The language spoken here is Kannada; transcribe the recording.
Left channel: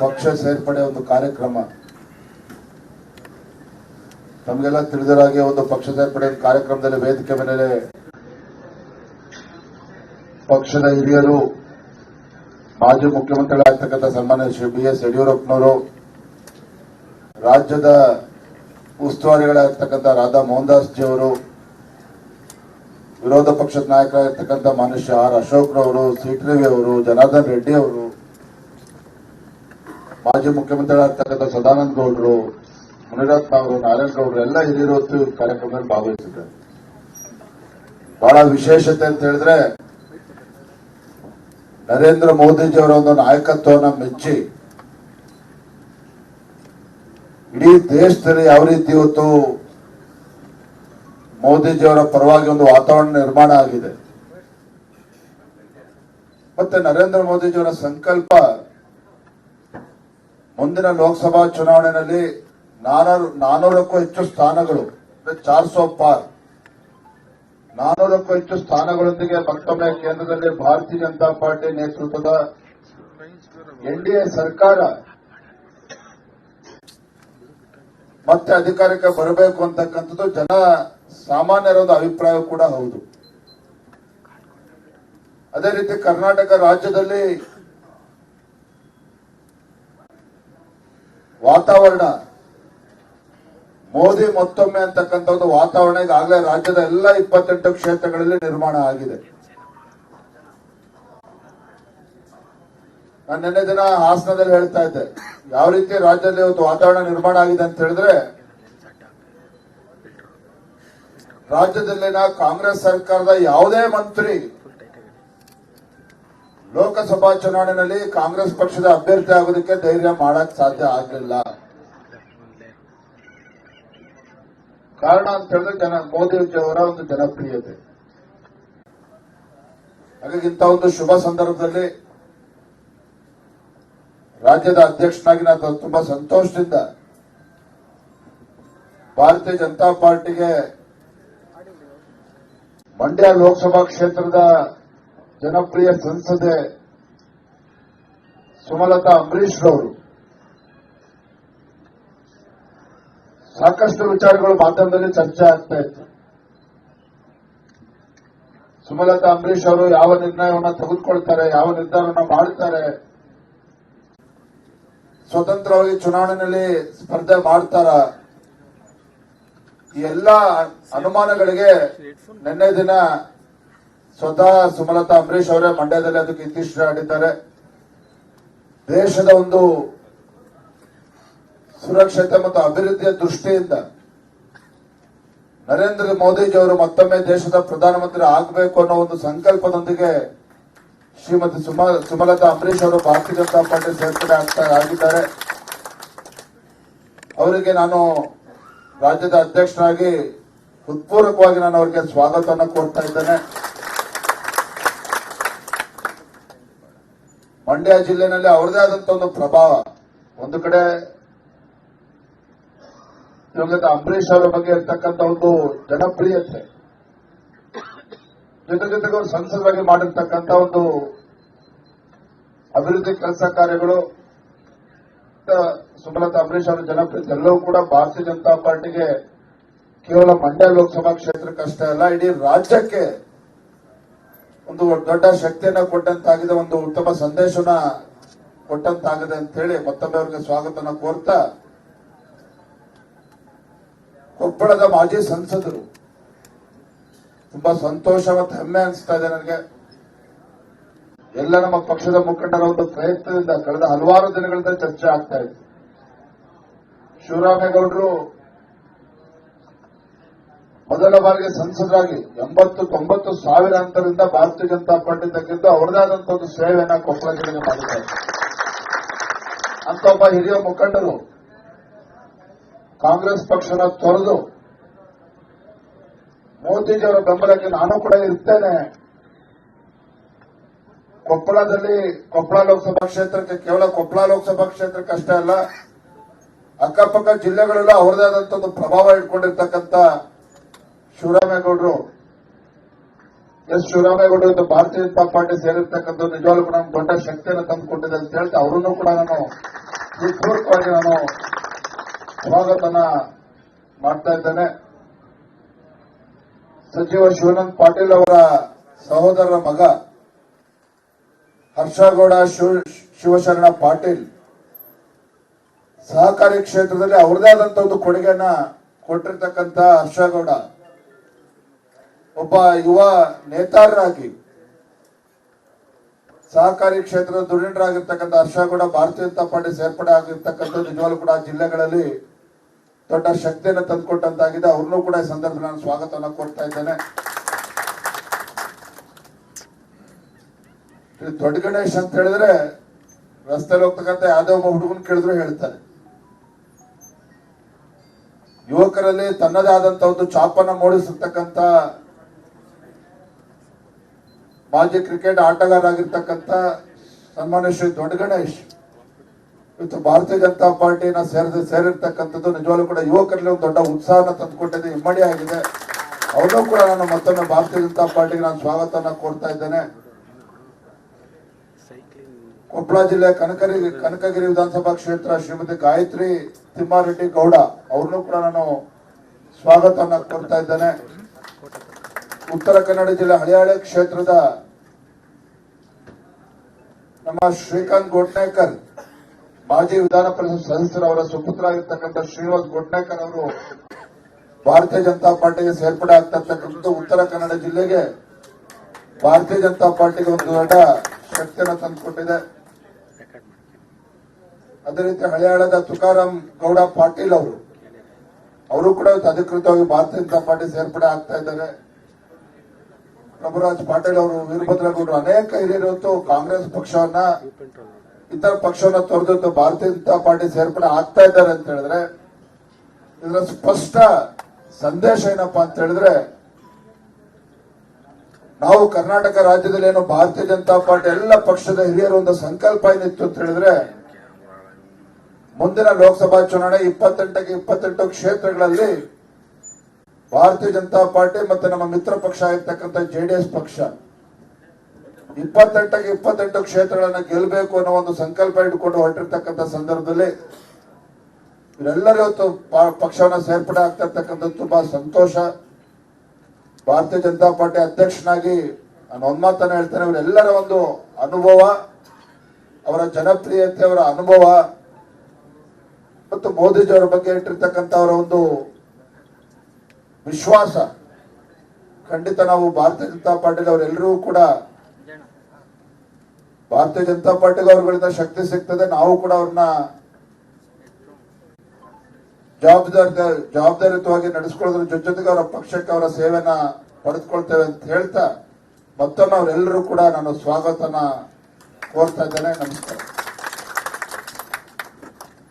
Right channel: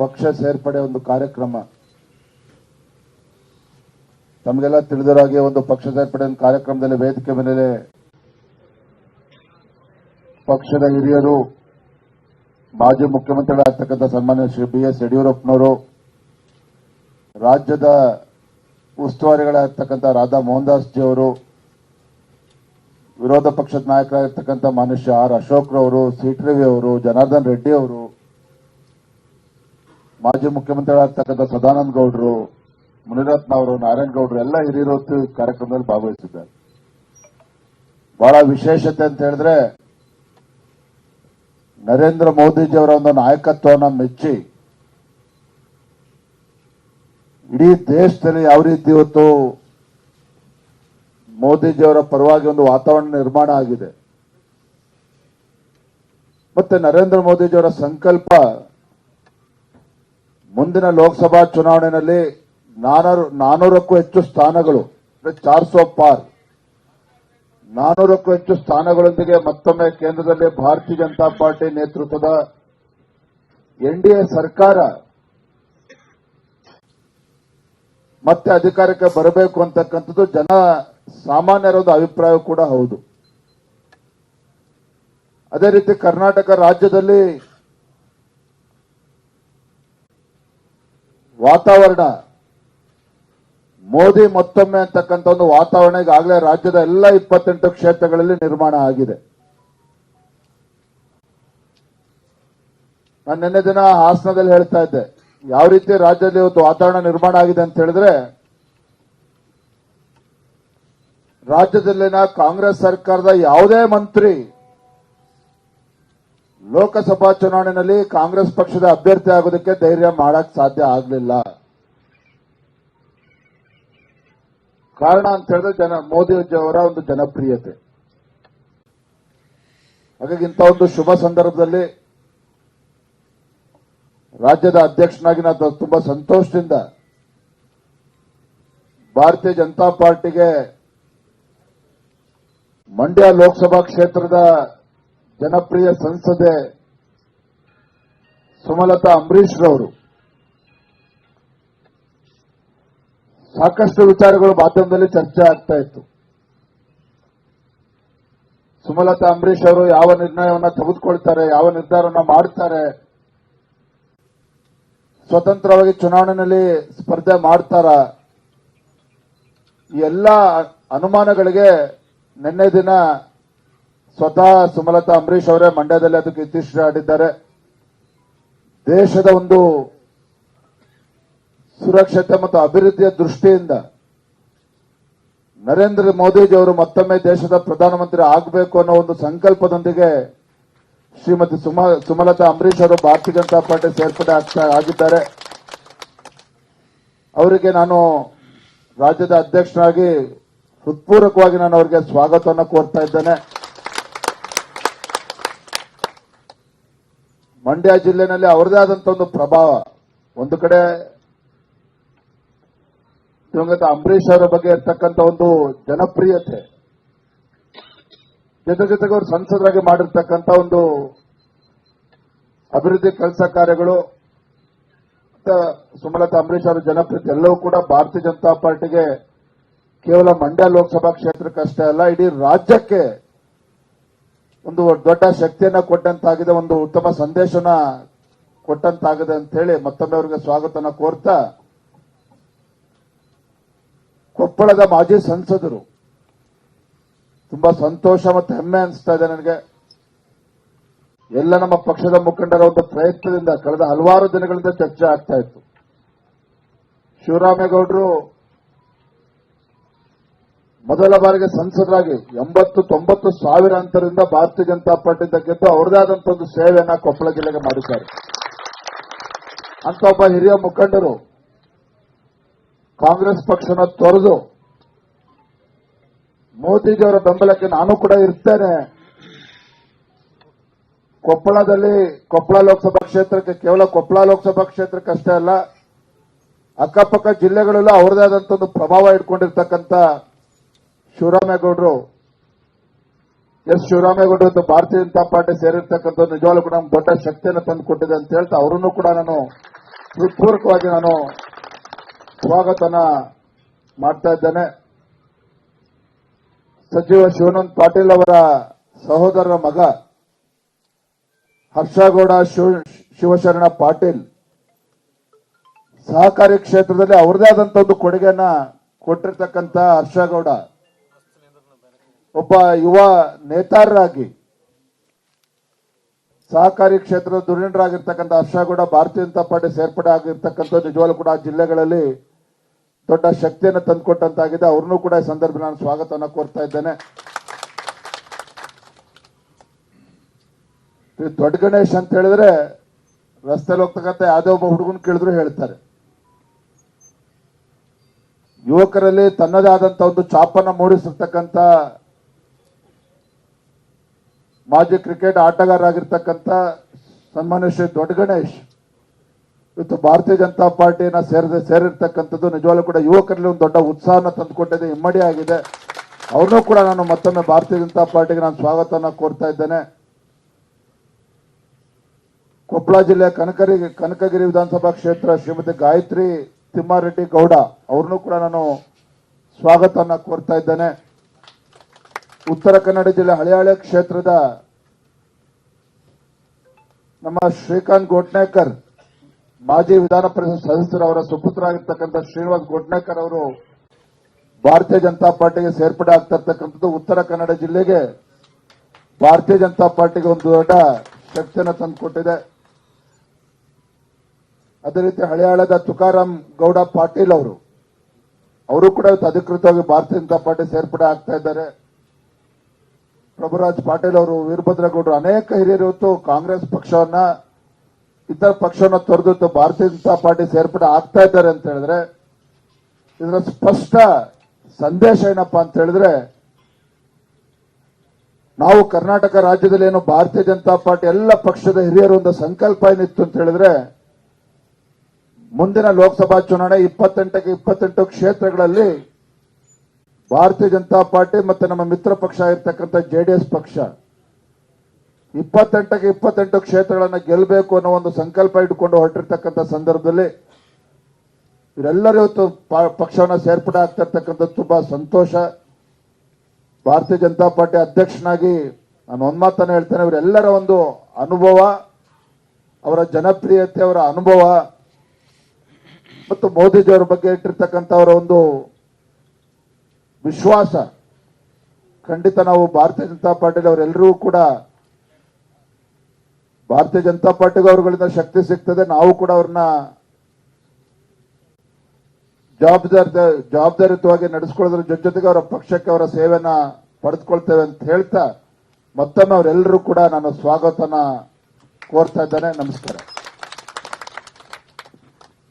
ಪಕ್ಷ ಸೇರ್ಪಡೆ ಒಂದು ಕಾರ್ಯಕ್ರಮ ತಮಗೆಲ್ಲ ತಿಳಿದಿರಾಗೆ ಒಂದು ಪಕ್ಷ ಸೇರ್ಪಡೆ ಕಾರ್ಯಕ್ರಮದಲ್ಲಿ ವೇದಿಕೆ ಮೇಲೆ ಪಕ್ಷದ ಹಿರಿಯರು ಮಾಜಿ ಮುಖ್ಯಮಂತ್ರಿಗಳಾಗ್ತಕ್ಕಂಥ ಸನ್ಮಾನ್ಯ ಶ್ರೀ BS ಯಡಿಯೂರಪ್ಪನವರು, ರಾಜ್ಯದ ಉಸ್ತುವಾರಿಗಳಾಗ್ತಕ್ಕಂಥ ರಾಧಾ ಮೋಹನ್ ದಾಸ್ ಜಿ ಅವರು, ವಿರೋಧ ಪಕ್ಷದ ನಾಯಕರಾಗಿರ್ತಕ್ಕಂಥ ಮಾನ್ಯ R ಅಶೋಕ್ ರವರು, CT ರವಿ ಅವರು, ಜನಾರ್ದನ್ ರೆಡ್ಡಿ ಅವರು, ಮಾಜಿ ಮುಖ್ಯಮಂತ್ರಿಗಳಾಗ್ತಕ್ಕಂಥ ಸದಾನಂದ ಗೌಡರು, ಮುನಿರತ್ನ ಅವರು, ನಾರಾಯಣ ಗೌಡರು ಎಲ್ಲ ಹಿರಿಯರು ಕಾರ್ಯಕ್ರಮದಲ್ಲಿ ಭಾಗವಹಿಸಿದ್ದಾರೆ. ಬಹಳ ವಿಶೇಷತೆ ಅಂತ ಹೇಳಿದ್ರೆ ನರೇಂದ್ರ ಮೋದಿಜಿಯವರ ಒಂದು ನಾಯಕತ್ವವನ್ನು ಮೆಚ್ಚಿ ಇಡೀ ದೇಶದಲ್ಲಿ ಯಾವ ರೀತಿ ಇವತ್ತು ಮೋದಿಜಿಯವರ ಪರವಾಗಿ ಒಂದು ವಾತಾವರಣ ನಿರ್ಮಾಣ ಆಗಿದೆ. ಮತ್ತೆ ನರೇಂದ್ರ ಮೋದಿಜಿಯವರ ಸಂಕಲ್ಪ ಮುಂದಿನ ಲೋಕಸಭಾ ಚುನಾವಣೆಯಲ್ಲಿ 400ಕ್ಕೂ ಹೆಚ್ಚು ಸ್ಥಾನಗಳು, 400 ಪಾರ್, 400ಕ್ಕೂ ಹೆಚ್ಚು ಸ್ಥಾನಗಳೊಂದಿಗೆ ಮತ್ತೊಮ್ಮೆ ಕೇಂದ್ರದಲ್ಲಿ ಭಾರತೀಯ ಜನತಾ ಪಾರ್ಟಿ ನೇತೃತ್ವದ NDA ಸರ್ಕಾರ ಮತ್ತೆ ಅಧಿಕಾರಕ್ಕೆ ಬರಬೇಕು ಅಂತಕ್ಕಂಥದ್ದು ಜನ ಸಾಮಾನ್ಯರ ಒಂದು ಅಭಿಪ್ರಾಯ ಕೂಡ ಹೌದು. ಅದೇ ರೀತಿ ಕರ್ನಾಟಕ ರಾಜ್ಯದಲ್ಲಿ ವಾತಾವರಣ ಮೋದಿ ಮತ್ತೊಮ್ಮೆ ಅಂತಕ್ಕಂಥ ಒಂದು ವಾತಾವರಣ ಈಗಾಗಲೇ ರಾಜ್ಯದ ಎಲ್ಲ 28 ಕ್ಷೇತ್ರಗಳಲ್ಲಿ ನಿರ್ಮಾಣ ಆಗಿದೆ. ನಾನು ನಿನ್ನೆ ದಿನ ಹಾಸನದಲ್ಲಿ ಹೇಳ್ತಾ ಇದ್ದೆ, ಯಾವ ರೀತಿ ರಾಜ್ಯದಲ್ಲಿ ಒಂದು ವಾತಾವರಣ ನಿರ್ಮಾಣ ಆಗಿದೆ ಅಂತ ಹೇಳಿದ್ರೆ, ರಾಜ್ಯದಲ್ಲಿನ ಕಾಂಗ್ರೆಸ್ ಸರ್ಕಾರದ ಯಾವುದೇ ಮಂತ್ರಿ ಲೋಕಸಭಾ ಚುನಾವಣೆಯಲ್ಲಿ ಕಾಂಗ್ರೆಸ್ ಪಕ್ಷದ ಅಭ್ಯರ್ಥಿ ಆಗೋದಕ್ಕೆ ಧೈರ್ಯ ಮಾಡಕ್ ಸಾಧ್ಯ ಆಗಲಿಲ್ಲ. ಕಾರಣ ಅಂತ ಹೇಳಿದ್ರೆ ಮೋದಿಜಿಯವರ ಒಂದು ಜನಪ್ರಿಯತೆ. ಹಾಗಾಗಿ ಇಂಥ ಒಂದು ಶುಭ ಸಂದರ್ಭದಲ್ಲಿ ರಾಜ್ಯದ ಅಧ್ಯಕ್ಷನಾಗಿ ನಾನು ತುಂಬಾ ಸಂತೋಷದಿಂದ ಭಾರತೀಯ ಜನತಾ ಪಾರ್ಟಿಗೆ ಮಂಡ್ಯ ಲೋಕಸಭಾ ಕ್ಷೇತ್ರದ ಜನಪ್ರಿಯ ಸಂಸದೆ ಸುಮಲತಾ ಅಂಬರೀಶ್ ರವರು ಸಾಕಷ್ಟು ವಿಚಾರಗಳು ಮಾಧ್ಯಮದಲ್ಲಿ ಚರ್ಚೆ ಆಗ್ತಾ ಇತ್ತು. ಸುಮಲತಾ ಅಂಬರೀಶ್ ಅವರು ಯಾವ ನಿರ್ಣಯವನ್ನು ತೆಗೆದುಕೊಳ್ತಾರೆ, ಯಾವ ನಿರ್ಧಾರವನ್ನು ಮಾಡುತ್ತಾರೆ, ಸ್ವತಂತ್ರವಾಗಿ ಚುನಾವಣೆಯಲ್ಲಿ ಸ್ಪರ್ಧೆ ಮಾಡ್ತಾರ, ಈ ಎಲ್ಲ ಅನುಮಾನಗಳಿಗೆ ನಿನ್ನೆ ದಿನ ಸ್ವತಃ ಸುಮಲತಾ ಅಂಬರೀಶ್ ಅವರೇ ಮಂಡ್ಯದಲ್ಲಿ ಅದಕ್ಕೆ ಇತ್ತೀಚೆಗೆ ಆಡಿದ್ದಾರೆ. ದೇಶದ ಒಂದು ಸುರಕ್ಷತೆ ಮತ್ತು ಅಭಿವೃದ್ಧಿಯ ದೃಷ್ಟಿಯಿಂದ ನರೇಂದ್ರ ಮೋದಿಜಿಯವರು ಮತ್ತೊಮ್ಮೆ ದೇಶದ ಪ್ರಧಾನಮಂತ್ರಿ ಆಗಬೇಕು ಅನ್ನೋ ಒಂದು ಸಂಕಲ್ಪದೊಂದಿಗೆ ಶ್ರೀಮತಿ ಸುಮಲತಾ ಅಂಬರೀಶ್ ಅವರು ಭಾರತೀಯ ಜನತಾ ಪಾರ್ಟಿ ಸೇರ್ಪಡೆ ಆಗಿದ್ದಾರೆ. ಅವರಿಗೆ ನಾನು ರಾಜ್ಯದ ಅಧ್ಯಕ್ಷರಾಗಿ ಹೃತ್ಪೂರ್ವಕವಾಗಿ ನಾನು ಅವರಿಗೆ ಸ್ವಾಗತವನ್ನು ಕೋರ್ತಾ ಇದ್ದೇನೆ. ಮಂಡ್ಯ ಜಿಲ್ಲೆನಲ್ಲಿ ಅವರದೇ ಆದಂತಹ ಒಂದು ಪ್ರಭಾವ, ಒಂದು ಕಡೆ ದಿವಂಗತ ಅಂಬರೀಶ್ ಅವರ ಬಗ್ಗೆ ಇರ್ತಕ್ಕಂಥ ಒಂದು ಜನಪ್ರಿಯತೆ, ಜೊತೆಗೆ ಅವರು ಸಂಸದರಾಗಿ ಮಾಡಿರ್ತಕ್ಕಂಥ ಒಂದು ಅಭಿವೃದ್ಧಿ ಕೆಲಸ ಕಾರ್ಯಗಳು, ಸುಮಲತಾ ಅಂಬರೀಶ್ ಅವರ ಜನಪ್ರಿಯತೆ ಎಲ್ಲವೂ ಕೂಡ ಭಾರತೀಯ ಜನತಾ ಪಾರ್ಟಿಗೆ ಕೇವಲ ಮಂಡ್ಯ ಲೋಕಸಭಾ ಕ್ಷೇತ್ರಕ್ಕಷ್ಟೇ ಅಲ್ಲ, ಇಡೀ ರಾಜ್ಯಕ್ಕೆ ಒಂದು ದೊಡ್ಡ ಶಕ್ತಿಯನ್ನ ಕೊಟ್ಟಂತಾಗಿದೆ, ಒಂದು ಉತ್ತಮ ಸಂದೇಶನ ಕೊಟ್ಟಂತಾಗಿದೆ ಅಂತ ಹೇಳಿ ಮತ್ತೊಮ್ಮೆ ಅವರಿಗೆ ಸ್ವಾಗತನ ಕೋರ್ತಾ, ಕೊಪ್ಪಳದ ಮಾಜಿ ಸಂಸದರು ತುಂಬಾ ಸಂತೋಷ ಮತ್ತು ಹೆಮ್ಮೆ ಅನಿಸ್ತಾ ಇದೆ ನನಗೆ. ಎಲ್ಲ ನಮ್ಮ ಪಕ್ಷದ ಮುಖಂಡರ ಒಂದು ಪ್ರಯತ್ನದಿಂದ ಕಳೆದ ಹಲವಾರು ದಿನಗಳಿಂದ ಚರ್ಚೆ ಆಗ್ತಾ ಇತ್ತು. ಶಿವರಾಮೇಗೌಡರು ಮೊದಲ ಬಾರಿಗೆ ಸಂಸದರಾಗಿ 80-90 ಸಾವಿರ ಅಂತರದಿಂದ ಭಾರತೀಯ ಜನತಾ ಪಾರ್ಟಿ ತಕ್ಕಿಂತ ಅವರದೇ ಆದಂತಹ ಒಂದು ಸೇವೆಯನ್ನ ಕೊಪ್ಪಳ ಜಿಲ್ಲೆಗೆ ಮಾಡಿದ್ದಾರೆ. ಅಂತ ಒಬ್ಬ ಹಿರಿಯ ಮುಖಂಡರು ಕಾಂಗ್ರೆಸ್ ಪಕ್ಷನ ತೊರೆದು ಮೋದಿಜಿಯವರ ಬೆಂಬಲಕ್ಕೆ ನಾನು ಕೂಡ ಇರ್ತೇನೆ, ಕೊಪ್ಪಳ ಲೋಕಸಭಾ ಕ್ಷೇತ್ರಕ್ಕೆ, ಕೇವಲ ಕೊಪ್ಪಳ ಲೋಕಸಭಾ ಕ್ಷೇತ್ರಕ್ಕೆ ಅಷ್ಟೇ ಅಲ್ಲ, ಅಕ್ಕಪಕ್ಕ ಜಿಲ್ಲೆಗಳೆಲ್ಲ ಅವರದೇ ಆದಂತ ಒಂದು ಪ್ರಭಾವ ಇಟ್ಕೊಂಡಿರ್ತಕ್ಕಂಥ ಶಿವರಾಮೇಗೌಡರು ಎಸ್ ಶಿವರಾಮೇಗೌಡ ಒಂದು ಭಾರತೀಯ ಜನತಾ ಪಾರ್ಟಿ ಸೇರಿರ್ತಕ್ಕಂಥ ನಿಜವಾಗ್ಲೂ ಕೂಡ ನಮ್ಗೆ ದೊಡ್ಡ ಶಕ್ತಿಯನ್ನು ತಂದುಕೊಟ್ಟಿದೆ ಅಂತ ಹೇಳ್ತಾ ಅವರನ್ನು ಕೂಡ ನಾನು ಹೃತ್ಪೂರ್ವಕವಾಗಿ ನಾನು ಸ್ವಾಗತನ ಮಾಡ್ತಾ ಇದ್ದೇನೆ. ಸಚಿವ ಶಿವಾನಂದ ಪಾಟೀಲ್ ಅವರ ಸಹೋದರರ ಮಗ ಹರ್ಷಗೌಡ ಶಿವಶರಣ ಪಾಟೀಲ್ ಸಹಕಾರಿ ಕ್ಷೇತ್ರದಲ್ಲಿ ಅವರದೇ ಆದಂತ ಒಂದು ಕೊಡುಗೆಯನ್ನ ಕೊಟ್ಟಿರ್ತಕ್ಕಂಥ ಹರ್ಷಗೌಡ ಒಬ್ಬ ಯುವ ನೇತಾರರಾಗಿ ಸಹಕಾರಿ ಕ್ಷೇತ್ರದ ಧುರೀಣರಾಗಿರ್ತಕ್ಕಂಥ ಹರ್ಷಗೌಡ ಭಾರತೀಯ ಜನತಾ ಪಾರ್ಟಿ ಸೇರ್ಪಡೆ ಆಗಿರ್ತಕ್ಕಂಥ ನಿಜವಾಗ್ಲೂ ಕೂಡ ಆ ಜಿಲ್ಲೆಗಳಲ್ಲಿ ದೊಡ್ಡ ಶಕ್ತಿಯನ್ನು ತಂದುಕೊಟ್ಟಂತಾಗಿದೆ. ಅವ್ರನ್ನೂ ಕೂಡ ಈ ಸಂದರ್ಭದಲ್ಲಿ ನಾನು ಸ್ವಾಗತವನ್ನು ಕೋರ್ತಾ ಇದ್ದೇನೆ. ದೊಡ್ಡ ಗಣೇಶ್ ಅಂತ ಹೇಳಿದ್ರೆ ರಸ್ತೆಯಲ್ಲಿ ಹೋಗ್ತಕ್ಕಂಥ ಯಾವುದೇ ಒಬ್ಬ ಹುಡುಗನ ಕೇಳಿದ್ರು ಹೇಳ್ತಾರೆ. ಯುವಕರಲ್ಲಿ ತನ್ನದೇ ಆದಂತ ಒಂದು ಛಾಪನ್ನ ಮೂಡಿಸಿರ್ತಕ್ಕಂಥ ಮಾಜಿ ಕ್ರಿಕೆಟ್ ಆಟಗಾರರಾಗಿರ್ತಕ್ಕಂಥ ಸನ್ಮಾನ್ಯ ಶ್ರೀ ದೊಡ್ಡ ಗಣೇಶ್ ಇವತ್ತು ಭಾರತೀಯ ಜನತಾ ಪಾರ್ಟಿನ ಸೇರಿರ್ತಕ್ಕಂಥದ್ದು ನಿಜವಾಗ್ಲೂ ಕೂಡ ಯುವಕರಲ್ಲಿ ಒಂದು ದೊಡ್ಡ ಉತ್ಸಾಹನ ತಂದುಕೊಟ್ಟಿದೆ, ಇಮ್ಮಡಿ ಆಗಿದೆ. ಅವ್ರನ್ನೂ ಕೂಡ ನಾನು ಮತ್ತೊಮ್ಮೆ ಭಾರತೀಯ ಜನತಾ ಪಾರ್ಟಿಗೆ ನಾನು ಸ್ವಾಗತವನ್ನು ಕೋರ್ತಾ ಇದ್ದೇನೆ. ಕೊಪ್ಪಳ ಜಿಲ್ಲೆಯ ಕನಕಗಿರಿ ವಿಧಾನಸಭಾ ಕ್ಷೇತ್ರ ಶ್ರೀಮತಿ ಗಾಯತ್ರಿ ತಿಮ್ಮಾರೆಡ್ಡಿ ಗೌಡ ಅವ್ರನ್ನೂ ಕೂಡ ನಾನು ಸ್ವಾಗತವನ್ನು ಕೋರ್ತಾ ಇದ್ದೇನೆ. ಉತ್ತರ ಕನ್ನಡ ಜಿಲ್ಲೆ ಹಳಿಯಾಳೆ ಕ್ಷೇತ್ರದ ನಮ್ಮ ಶ್ರೀಕಾಂತ್ ಗೋಟ್ನೇಕರ್ ಮಾಜಿ ವಿಧಾನ ಪರಿಷತ್ ಸದಸ್ಯರವರ ಸುಪುತ್ರ ಆಗಿರ್ತಕ್ಕಂಥ ಶ್ರೀನಿವಾಸ್ ಗೋಟ್ನೇಕರ್ ಅವರು ಭಾರತೀಯ ಜನತಾ ಪಾರ್ಟಿಗೆ ಸೇರ್ಪಡೆ ಆಗ್ತಿರ್ತಕ್ಕಂಥದ್ದು ಉತ್ತರ ಕನ್ನಡ ಜಿಲ್ಲೆಗೆ ಭಾರತೀಯ ಜನತಾ ಪಾರ್ಟಿಗೆ ಒಂದು ದೊಡ್ಡ ಶಕ್ತಿಯನ್ನು ತಂದುಕೊಟ್ಟಿದೆ. ಅದೇ ರೀತಿ ಹಳಿಯಾಳದ ತುಕಾರಾಮ್ ಗೌಡ ಪಾಟೀಲ್ ಅವರು ಕೂಡ ಅಧಿಕೃತವಾಗಿ ಭಾರತೀಯ ಜನತಾ ಪಾರ್ಟಿ ಸೇರ್ಪಡೆ ಆಗ್ತಾ ಇದ್ದಾರೆ. ಪ್ರಭುರಾಜ್ ಪಾಟೀಲ್ ಅವರು, ವೀರಭದ್ರೇಗೌಡರು, ಅನೇಕ ಹಿರಿಯರು ಇವತ್ತು ಕಾಂಗ್ರೆಸ್ ಪಕ್ಷವನ್ನ ಇತರ ಪಕ್ಷವನ್ನ ತೊರೆದು ಭಾರತೀಯ ಜನತಾ ಪಾರ್ಟಿ ಸೇರ್ಪಡೆ ಆಗ್ತಾ ಇದ್ದಾರೆ ಅಂತ ಹೇಳಿದ್ರೆ ಇದರ ಸ್ಪಷ್ಟ ಸಂದೇಶ ಏನಪ್ಪಾ ಅಂತ ಹೇಳಿದ್ರೆ ನಾವು ಕರ್ನಾಟಕ ರಾಜ್ಯದಲ್ಲಿ ಏನು ಭಾರತೀಯ ಜನತಾ ಪಾರ್ಟಿ ಎಲ್ಲ ಪಕ್ಷದ ಹಿರಿಯರು ಒಂದು ಸಂಕಲ್ಪ ಏನಿತ್ತು ಅಂತ ಹೇಳಿದ್ರೆ ಮುಂದಿನ ಲೋಕಸಭಾ ಚುನಾವಣೆ 28ಕ್ಕೆ 28 ಕ್ಷೇತ್ರಗಳಲ್ಲಿ ಭಾರತೀಯ ಜನತಾ ಪಾರ್ಟಿ ಮತ್ತೆ ನಮ್ಮ ಮಿತ್ರ ಪಕ್ಷ ಆಗಿರ್ತಕ್ಕಂಥ ಜೆಡಿಎಸ್ ಪಕ್ಷ 28ಕ್ಕೆ 28 ಕ್ಷೇತ್ರಗಳನ್ನು ಗೆಲ್ಲಬೇಕು ಅನ್ನೋ ಒಂದು ಸಂಕಲ್ಪ ಇಟ್ಟುಕೊಂಡು ಹೊರಟಿರ್ತಕ್ಕಂಥ ಸಂದರ್ಭದಲ್ಲಿ ಇವರೆಲ್ಲರೂ ಇವತ್ತು ಪಕ್ಷವನ್ನು ಸೇರ್ಪಡೆ ಆಗ್ತಾ ಇರ್ತಕ್ಕಂಥದ್ದು ತುಂಬಾ ಸಂತೋಷ. ಭಾರತೀಯ ಜನತಾ ಪಾರ್ಟಿ ಅಧ್ಯಕ್ಷನಾಗಿ ನಾನು ಒಂದ್ ಮಾತನ್ನ ಹೇಳ್ತೇನೆ, ಇವರೆಲ್ಲರ ಒಂದು ಅನುಭವ, ಅವರ ಜನಪ್ರಿಯತೆ, ಅವರ ಅನುಭವ ಮತ್ತು ಮೋದಿಜಿಯವರ ಬಗ್ಗೆ ಇಟ್ಟಿರ್ತಕ್ಕಂಥ ಅವರ ಒಂದು ವಿಶ್ವಾಸ ಖಂಡಿತ ನಾವು ಭಾರತೀಯ ಜನತಾ ಪಾರ್ಟಿಗೆ ಅವರೆಲ್ಲರೂ ಕೂಡ ಭಾರತೀಯ ಜನತಾ ಪಾರ್ಟಿಗೆ ಅವರುಗಳಿಂದ ಶಕ್ತಿ ಸಿಗ್ತದೆ. ನಾವು ಕೂಡ ಅವ್ರನ್ನ ಜವಾಬ್ದಾರಿಯುತವಾಗಿ ನಡೆಸ್ಕೊಳ್ಳೋದ್ರ ಜೊತೆಗೆ ಅವರ ಪಕ್ಷಕ್ಕೆ ಅವರ ಸೇವೆಯನ್ನ ಪಡೆದುಕೊಳ್ತೇವೆ ಅಂತ ಹೇಳ್ತಾ ಮತ್ತೊಮ್ಮೆ ಅವರೆಲ್ಲರೂ ಕೂಡ ನಾನು ಸ್ವಾಗತನ ಕೋರ್ತಾ ಇದ್ದೇನೆ. ನಮಸ್ಕಾರ.